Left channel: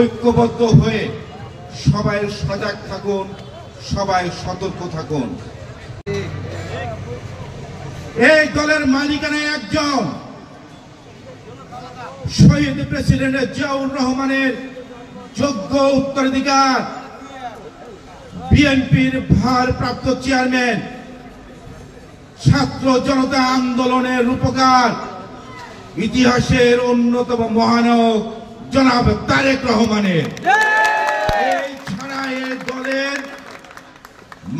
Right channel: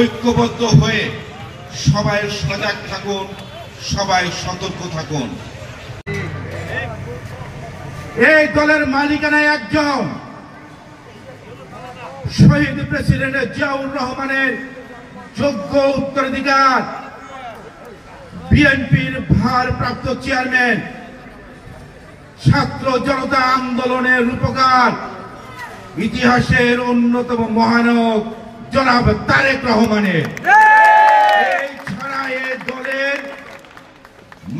ঐক্যবদ্ধ হয়ে সবাই সজাগ থাকুন, সবাই সতর্ক থাকুন। এই দলের মালিকানায় একজন শহীদ প্রেসিডেন্ট জিয়াউর রহমানের যোগ্য উত্তরাধিকার, বিএনপির ভারপ্রাপ্ত চেয়ারম্যান, ছাত্র জনতা আন্দোলনের রূপকার, ইতিহাসের অন্যতম মহানায়ক জনাব তারেক রহমানের। এই ছাড়া এই দলের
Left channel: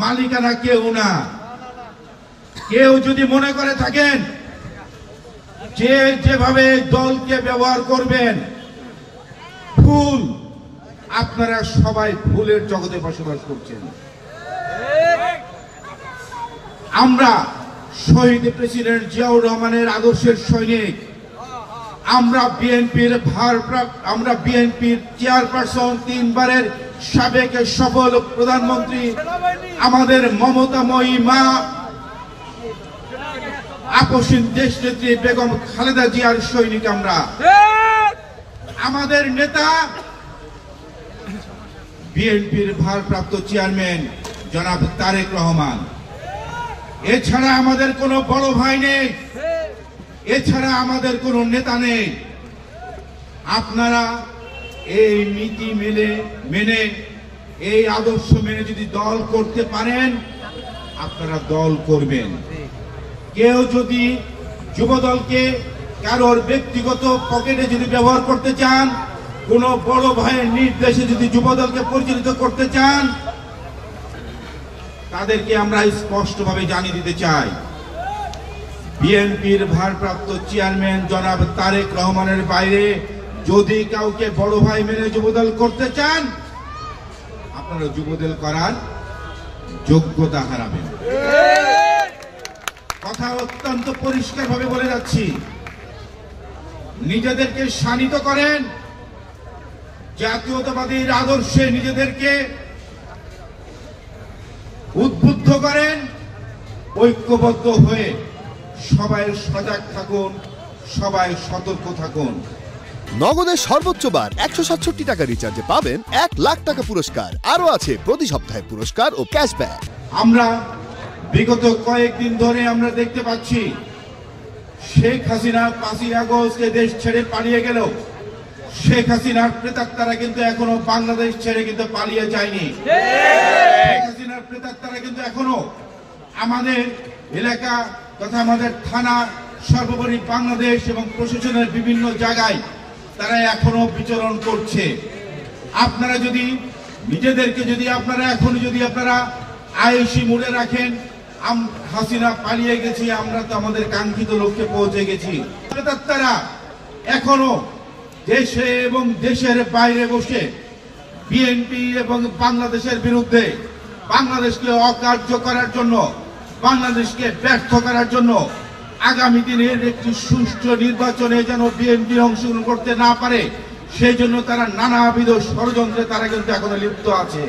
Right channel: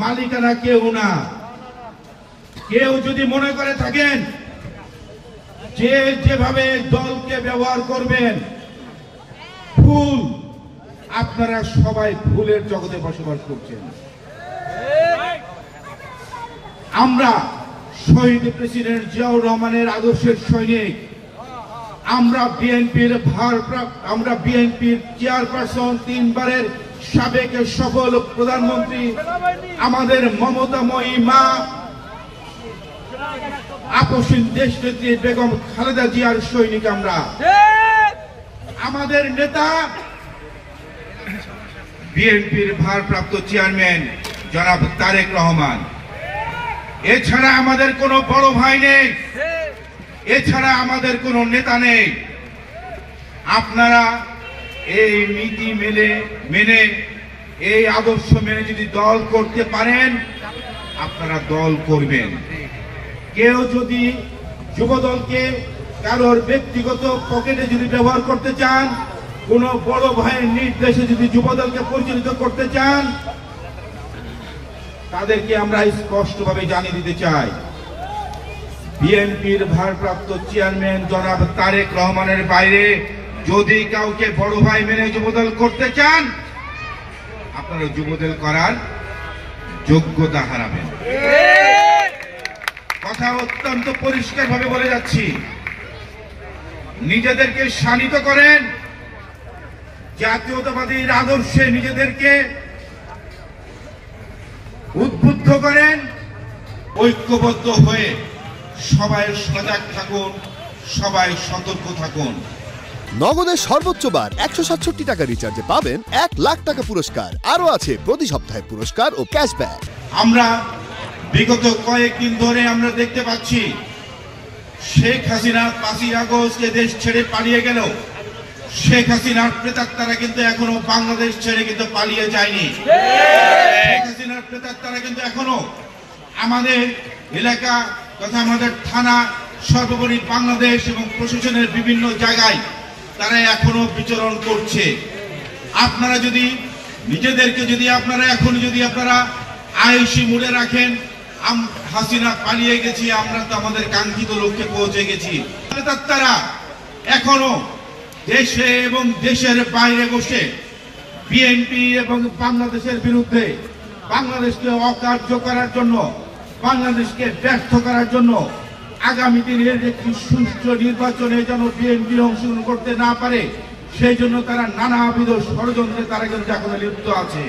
মালিকানা কেউ না। কেউ যদি মনে করে থাকেন যে যেভাবে দলকে ব্যবহার করবেন ভুল, আপনারা সবাই ভুলের জগতে বসবাস করছেন। আমরা শহীদ প্রেসিডেন্ট জিয়াউর রহমানের আদর্শের সৈনিক। আমরা বিএনপির চেয়ারপারসন, 3 বারের সাবেক সফল প্রধানমন্ত্রী, আমাদের মমতাময়ী মা আপসীন দেশনেত্রী বেগম খালেদা জিয়ার সৈনিক। আমরা আমাদের নেতা বিএনপির ভারপ্রাপ্ত চেয়ারম্যান জনাব তারেক রহমান। এছাড়া আমাদের কোনো বড় ভাই নেই, এছাড়া আমাদের কোনো নেতা নেই। আপনারা এই নীতি মেনে এই আদর্শ মেনে যদি দল করতে পারেন, আপনারা দল করবেন। কেউ যদি যুবদলকে কারোর ব্যক্তিগত পকেটে যদি ব্যবহার করতে চান, কোন বড় ভাইয়ের নির্দেশে যদি যুবদলকে পরিচালিত করতে চান, তাদেরকে আমরা স্পষ্টভাবে জানিয়ে দিতে চাই, বিএনপির ভারপ্রাপ্ত চেয়ারম্যান জনাব তারেক রহমানের বাইরে যদি কাউকে বড় ভাই মেনে যুবদল করতে চান, আপনারা যুবদল করার যোগ্যতা হারাবেন। কথা অত্যন্ত পরিষ্কার ভাবে বলে যাচ্ছি। নিজেদেরকে শানিত করেন, জাতীয়তাবাদীর আদর্শে নিজেদেরকে উদ্বুদ্ধ করেন, ঐক্যবদ্ধ হয়ে সবাই সজাগ থাকুন, সবাই সতর্ক থাকুন। নগদের সর্বোচ্চ বার 167 টাকা রিচার্জে পাবেন 1 লাখ টাকা পুরস্কার। আরো আছে প্রতি সপ্তাহে পুরস্কার ও ক্যাশব্যাক। আমরা বিগত কয়েকদিন ধরে আমরা দেখতে পাচ্ছি শেখ হাসিনা 5ই আগস্টে দেশ ছেড়ে পালিয়ে গেল। শেখ হাসিনার প্রেতাত্মারা কিন্তু এখনো বাংলাদেশ ছেড়ে কিন্তু পালিয়ে যায়নি। শেখ হাসিনার প্রেতাত্মারা কিন্তু এখনো আমাদের এলাকা তথা আমাদের থানা, সর্বোপরি বাংলাদেশ এবং প্রশাসনের বিভিন্ন জায়গায় তারা এখনো বিচরণ করছে। আপনারা যদি নিজেদেরকে আপনারা আয়েশি মুডে রাখেন, হাসিনা পালিয়ে গেছি, আমরা তো আমাদের কাঙ্ক্ষিত লক্ষ্যে পৌঁছে গেছি। তারা এখনো দেশে এবং দেশের বাইরে বসে বিএনপি এবং বাংলাদেশের বিরুদ্ধে, বাংলাদেশকে অকার্য করার জন্য, বাংলাদেশকে ব্যর্থ করার জন্য, আগামী দিনের একটি সুষ্ঠু নির্বাচনে যেন বিএনপি অংশগ্রহণ করতে না পারে, সেই জন্য তারা নানাবিধ ষড়যন্ত্রে তারা কিন্তু এখনো লিপ্ত আছে।